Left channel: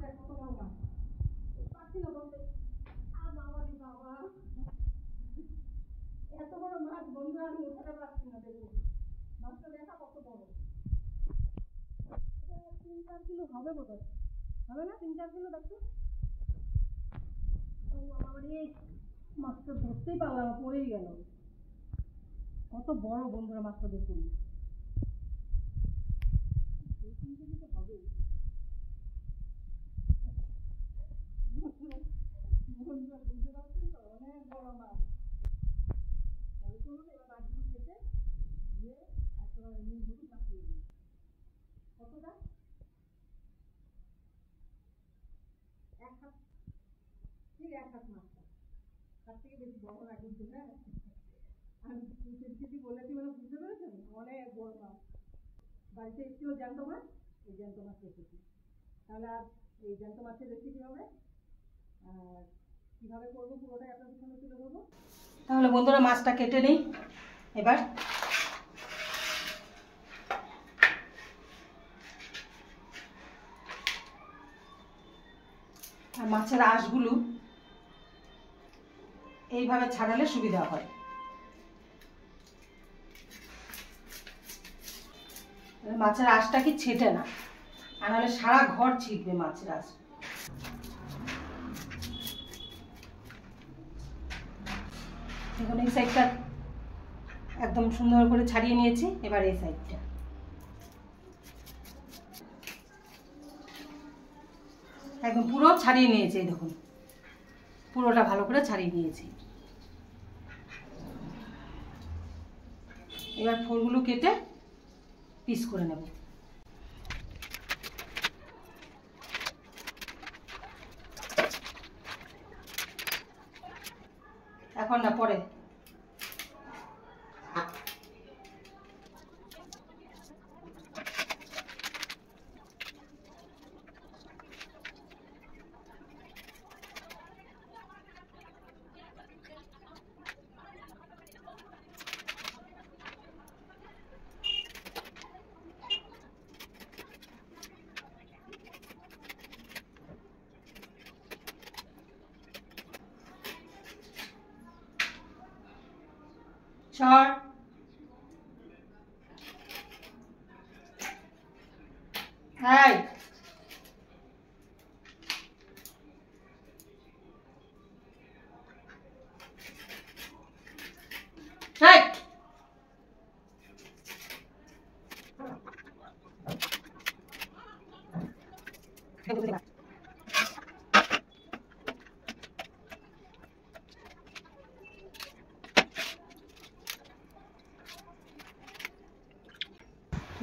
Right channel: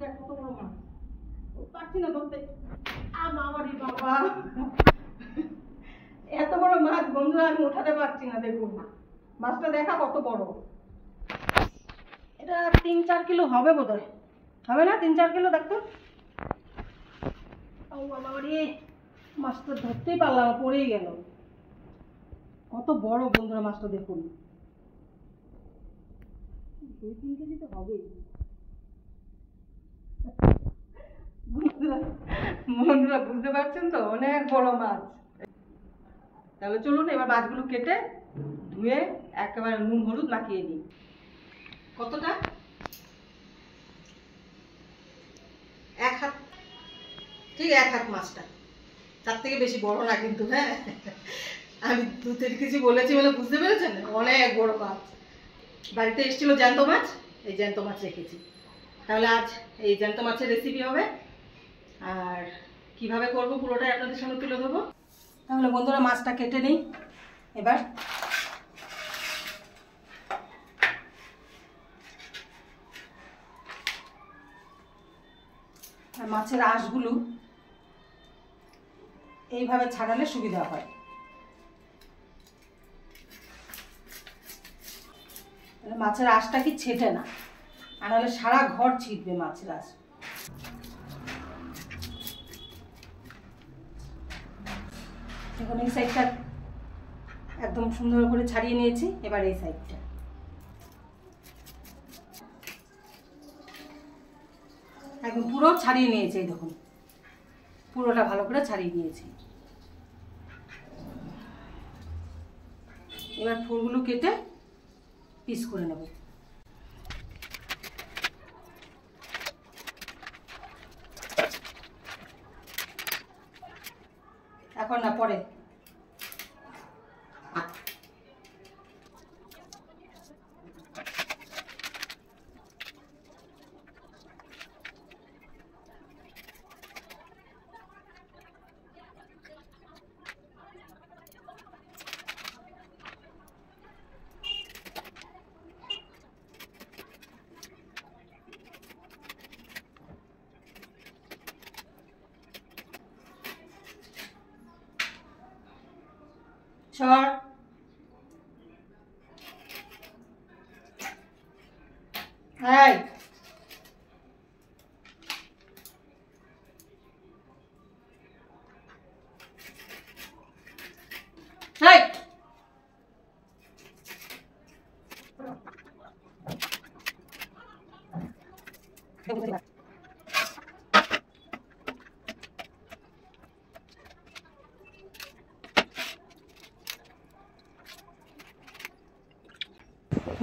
দেখ কত বড় মাছ, পাচ্ছি না ধরতে। বাবারে বাবা, এত বড় মাছ বন্ধুরা আমি উঠাতে পারছি না। দেখুন মাছটা দেখা কত বড়, এটা 3-4 কিলো হবে বোধ হয়, হবে না? 3-4 কিলো দেখতো। ও বাবারে, মাছটা ধরতেই পারলাম, পড়েই গেল। কত বড় বন্ধুরা মাছটা দেখুন, 2-3 কেজি তো হবেই। বন্ধুরা বুঝতে পারছেন তো, অনেক বড় মাছ। তাহলে চলুন এবার মাছগুলো কেটে ধুয়ে একেবারে নুন হলুদ মাখিয়ে নিই। কতটা? 1 হাত, ঠিক 1 হাত মাছটা, তার থেকে বেশি বড় না কিন্তু। হ্যাঁ, আমি 2-3 কেজি বলেছি বলে বুঝতে পেরেছেন, অনেক বড় মাছ। বাড়িতে এসেছিল জ্যান্ত মাছ, এই জ্যান্ত মাছ রেখেছি। তাহলে আজ এই জ্যান্ত মাছের রেসিপি হবে, আর কিভাবে করবো পুরোটাই আপনাদের সামনে তুলে ধরবো। তাহলে বন্ধুরা মাছটা কেটে নিই এবার। আর মাছের আঁশগুলো এইভাবে ছাড়ালে সুবিধা হয়। মাছের আঁশটা কি ছেটে না, আর নাহলে সারা ঘর ছিটবে মাছের আঁশ। দেখুন এই সাইডটা একদম সুন্দর করে ছাড়িয়ে নিয়েছি, এবার এই সাইডটা একদম পুরো ছাড়িয়ে নিয়েছি। দেখুন পুরোটা ভালো করে ছাড়িয়ে নিয়েছি। এবার ফোরগুলো কেটে পিস করে নেব। এখন না, পরে। সর। এই রাইট।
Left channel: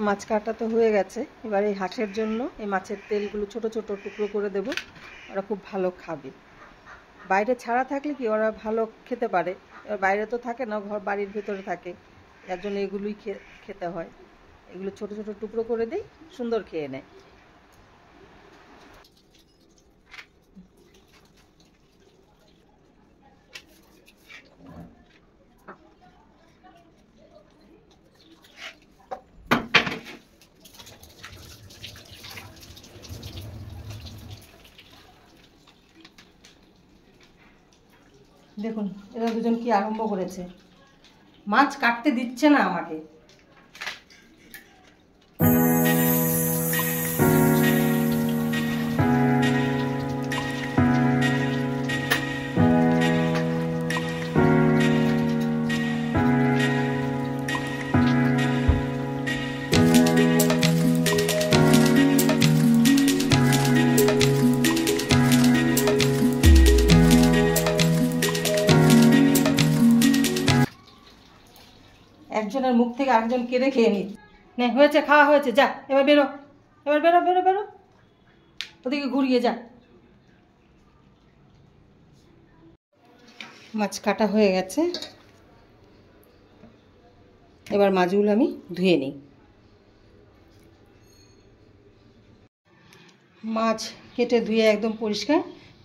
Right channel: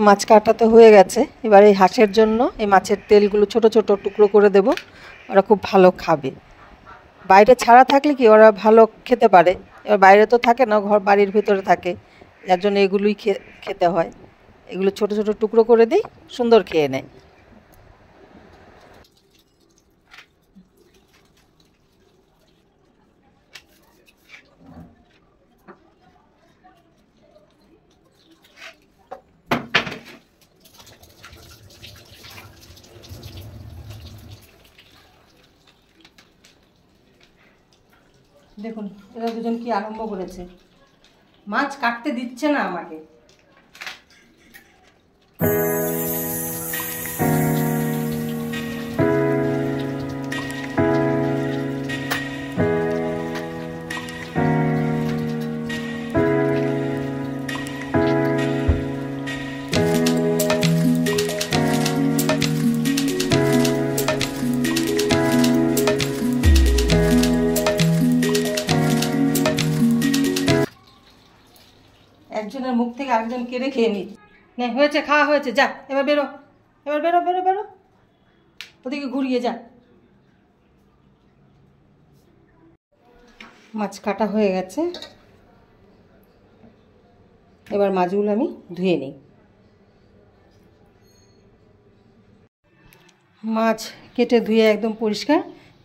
মাছ কাটাতে হয়ে গেছে। এবার এই হাঁসের জন্য এই মাছের তেলগুলো ছোট ছোট টুকরো করে দেব, ওরা খুব ভালো খাবে। বাইরে ছাড়া থাকলে কি ওরা ভালো খেতে পারে, এবার বাইরে তো থাকে না, ঘর বাড়ির ভিতরে থাকে, যার জন্য এগুলোই খেতে হয়। এগুলো ছোট ছোট টুকরো করে দিই, সুন্দর খেয়ে নেয়। দেখুন এরা দুজন কি আরম্ভ করেছে, মাছ কাটতে দিচ্ছে না আমাকে। একজনের মুখ থেকে আরেকজন কেড়ে খেয়ে নিই। নে, হয়েছে, খাওয়া হয়েছে, যা এবার বেরো, এবার বেরো বেরো বেরো, ওদিকে ঘুরিয়ে যা। মাছ কাটা হয়ে গেছে, এবার মাছগুলো আমি ধুয়ে নিই। মাছ কেটে ধুয়ে একদম পরিষ্কার।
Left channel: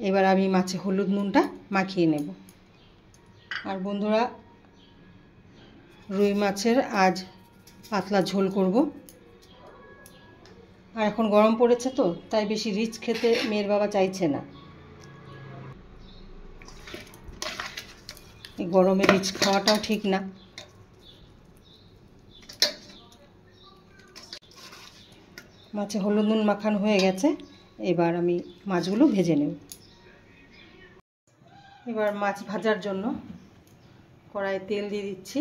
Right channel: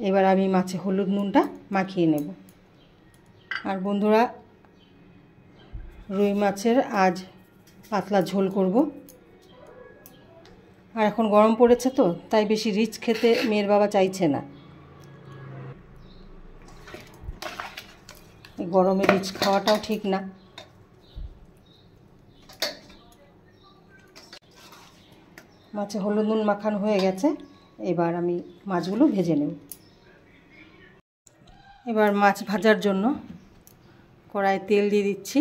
এবার আমি মাছে হলুদ নুনটা মাখিয়ে নেব। আর বন্ধুরা, রুই মাছের আজ পাতলা ঝোল করব। আর এখন গরম পড়েছে তো, তাই বেশি রিচ খেতে মেয়ের বাবা চাইছে না। এই গরমে রিচ খাওয়াটাও ঠিক না। মাছে হলুদ নুন মাখানো হয়ে গেছে, এবার আমি মাছগুলো ভেজে নেব। এবার মাছ ভাজার জন্য কড়াইয়ে তেল দিয়ে দিচ্ছি।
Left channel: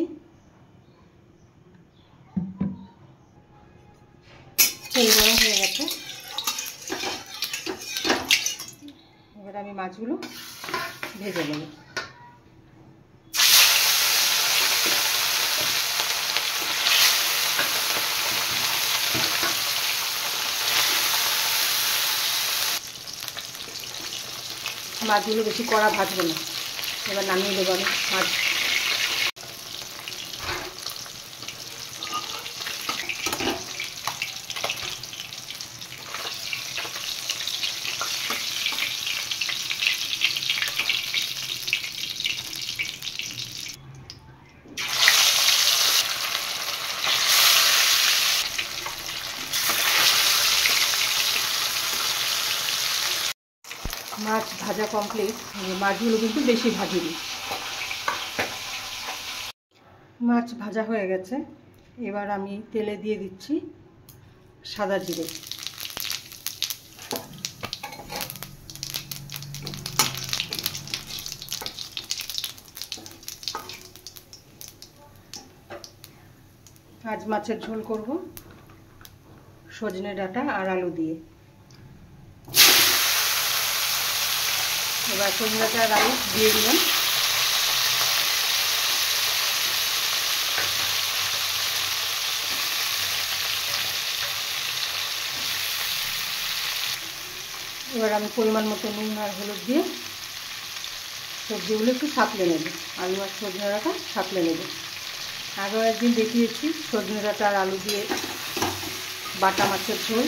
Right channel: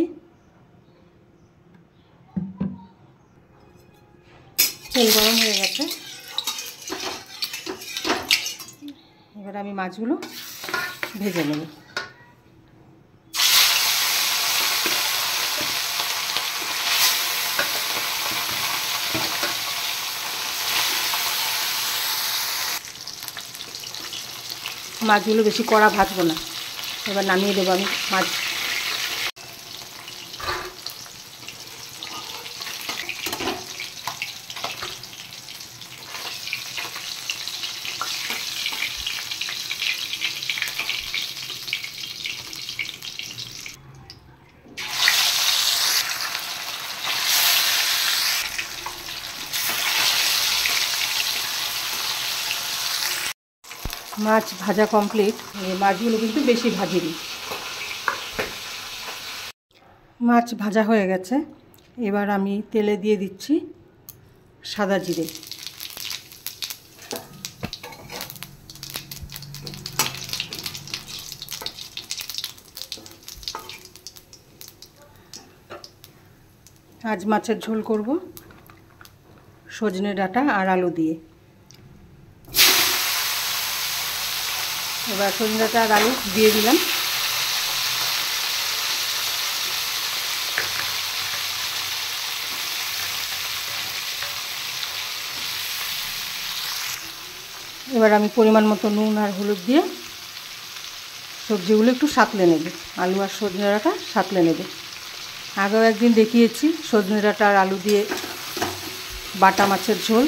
তেল গরম হয়ে গেছে, এবার আমি মাছগুলো ভেজে নেব। মাছগুলো বেশি কড়া ভাজবো না, এবার নামিয়ে দেবো আমি মাছ। মাছ ভাজা কমপ্লিট। মাছগুলো কিন্তু বেশি ভাজিনি। মাছ ভাজা হয়ে গেছে, এবার আমি তেলে দিয়ে দিচ্ছি সাদা জিরে। আজ মাছের ঝোল করব সজনে ডাঁটা আর আলু দিয়ে। এবার সজনে ডাঁটা আর আলু দিয়ে দিলাম। এবার আমি পরিমাণ মতো নুন আর হলুদ দিয়ে সবজিগুলো একটু সাঁতলে নেব। আলু আর সজনে ডাঁটা সাঁতলে নেব। আগেও একদিন দেখিয়েছি সজনে ডাঁটা আর আলু দিয়ে বাটা মাছের ঝোল।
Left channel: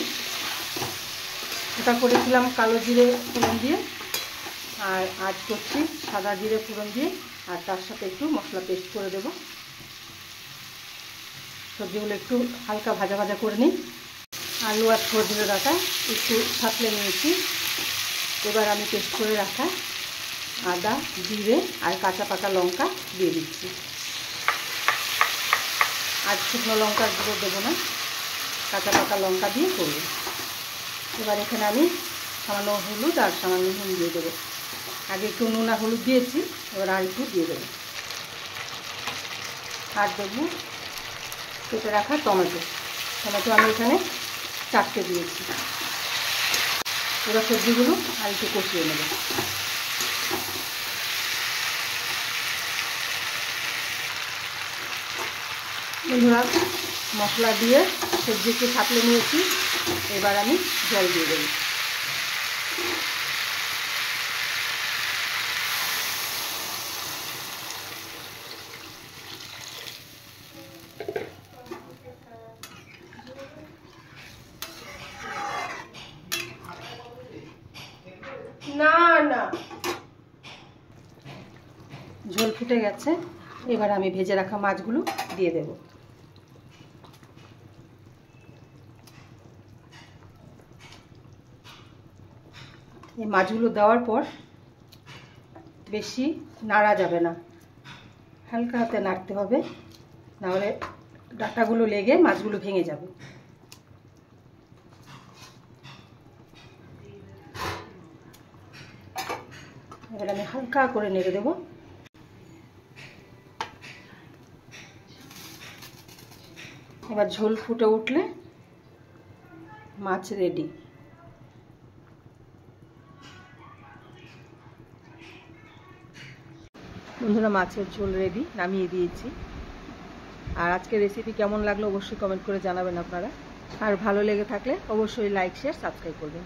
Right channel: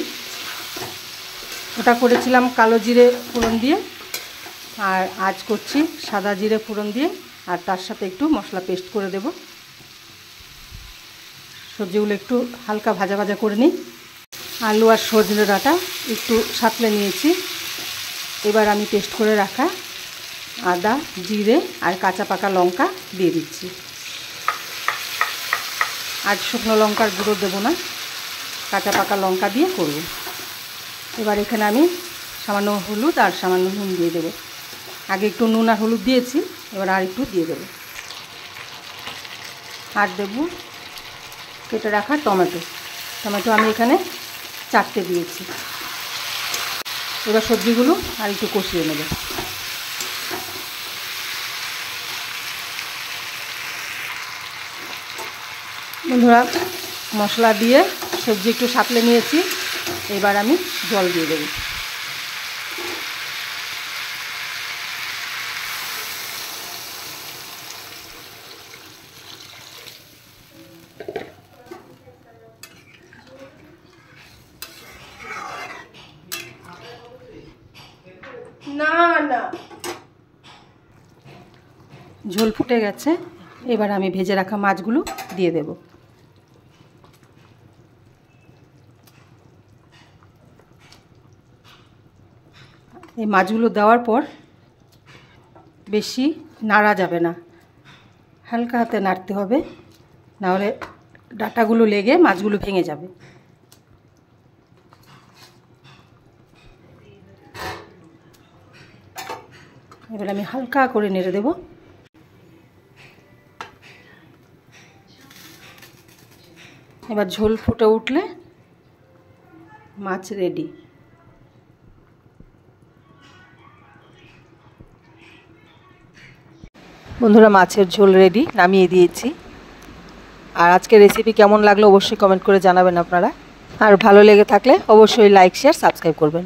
ওটা করেছিলাম কালো জিরে ফোড়ন দিয়ে, আর আজ করছি সাদা জিরে ফোড়ন দিয়ে, আর তার সাথে একটু মশলা পেস্ট করে দেব। সবজিগুলো একটু হালকা ভাজা ভাজা করে নিই। আলু আর সজনে ডাঁটা একটু সাঁতলে নিয়েছি। এবার আমি পেস্ট করে রাখা আদা, জিরে আর কাঁচা পাকা লঙ্কা দিয়ে দিচ্ছি। আজ শুকনো লঙ্কার গুঁড়ো দেবো না, কাঁচা পাকা লঙ্কা দিয়ে করব। এবার এখানে আমি সামান্য হলুদ আর সামান্য নুন দিয়ে দেবো। আগে একটু নুন আর হলুদ দিয়েছি, এবার আর একটু দিয়ে দেবো। আর দেবো কেটে রাখা টমেটো। টমেটো আমি এখানে 4টে দিয়েছি। এবার সবজিগুলো আর একটু কষিয়ে নেব। বন্ধুরা, মশলা দিয়ে সবজি একটু সাঁতলে নিয়েছি, এবার আমি জল দিয়ে দেব। ঝোল ফুটে গেছে, এবার আমি ভেজে রাখা মাছগুলো দিয়ে দেব। এই মাছগুলো দেওয়ার পর বেশি নাড়া যাবে না, হালকা হাতে নাড়তে হবে, নাহলে ডাঁটাগুলো লেগে মাছগুলো ভেঙে যাবে। এবার আমি হালকা করে নেড়ে দেব। এবার ঝোল ফুটে উঠলে মাছ রেডি। বন্ধুরা, মাছের ঝোল রেডি, নামিয়ে দিয়েছি। আর আজকের রেসিপি কেমন লাগলো অবশ্যই কমেন্ট করে জানাবেন আপনারা। আর ভালো লেগে থাকলে অবশ্যই লাইক, শেয়ার, সাবস্ক্রাইব করবেন।